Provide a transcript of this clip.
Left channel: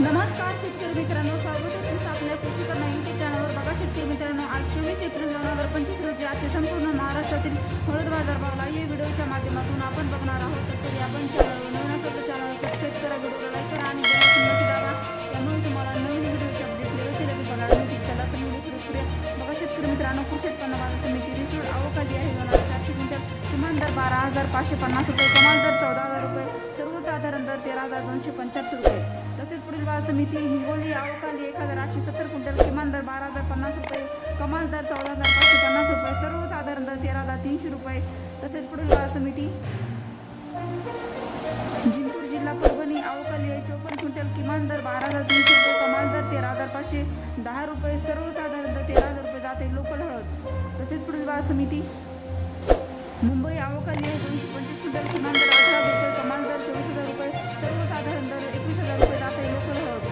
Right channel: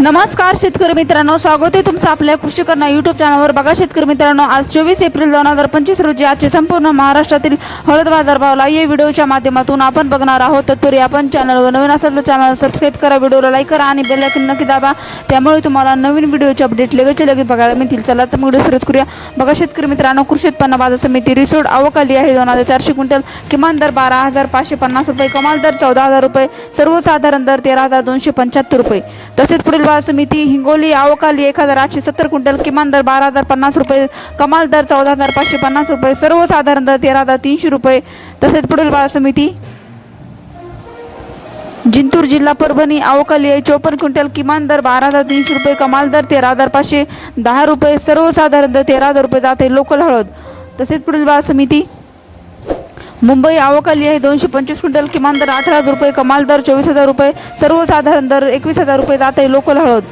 नमस्कार शेतकरी मित्रांनो. स्वागत आहे तुमचं आपल्या कृषी करणा युट्यूब चॅनलवर बघा शेतकरी मित्रांनो आज चोवीस एप्रिल दोन हजार पंचवीस रोजी आजचे संपूर्ण महाराष्ट्रातील हळद बाजारभावला या व्हिडिओच्या माध्यमातून आपण बघणार आहोत तत्पूर्वी आपण चॅनलवर नवीन असाल तर चॅनल सबस्क्राईब करा व्हिडिओला लाईक करा आणि बेल आयकॉन नक्की दाबा. त्यामुळे तुम्हाला नवीन व्हिडिओचे अपडेट लगेच लगेच बघायला मिळतील. चला तर मग व्हिडिओ सुरुवात करूया. बघा शेतकरी मित्रांनो कृषी उत्पन्न बाजार समिती रिसोड अवकाली आहे. दोन हजार चारशे क्विंटल किमान दर बारा हजार पाचशे पन्नास रुपये कमाल दर चौदा हजार रुपये सर्वसाधारण दर तेरा हजार दोनशे पंच्याहत्तर रुपये. तसेच पुढील बाजार समिती हिंगोली आवकाली एक हजार आठशे सत्तर क्विंटल किमान दर बारा हजार पन्नास रुपये कमाल दर चौदा हजार पाचशे पन्नास रुपये सर्वसाधारण दर तेरा हजार तीनशे रुपये तसेच पुढील बाजार समिती. जिंतूर जिल्हा परभणी अवकाली आहे चोपन्न क्विंटल किमान दर बारा हजार तीनशे रुपये कमाल दर तेरा हजार पाचशे दहा रुपये सर्वसाधारण दर तेरा हजार रुपये जाते लोकल हळद. तसेच पुढील बाजार समिती. मुंबई अवकाली आहे. दोनशे पंचवीस क्विंटल किमान दर अठरा हजार रुपये कमाल दर चोवीस हजार रुपये सर्वसाधारण दर एकवीस हजार रुपये जाते लोकल हळद.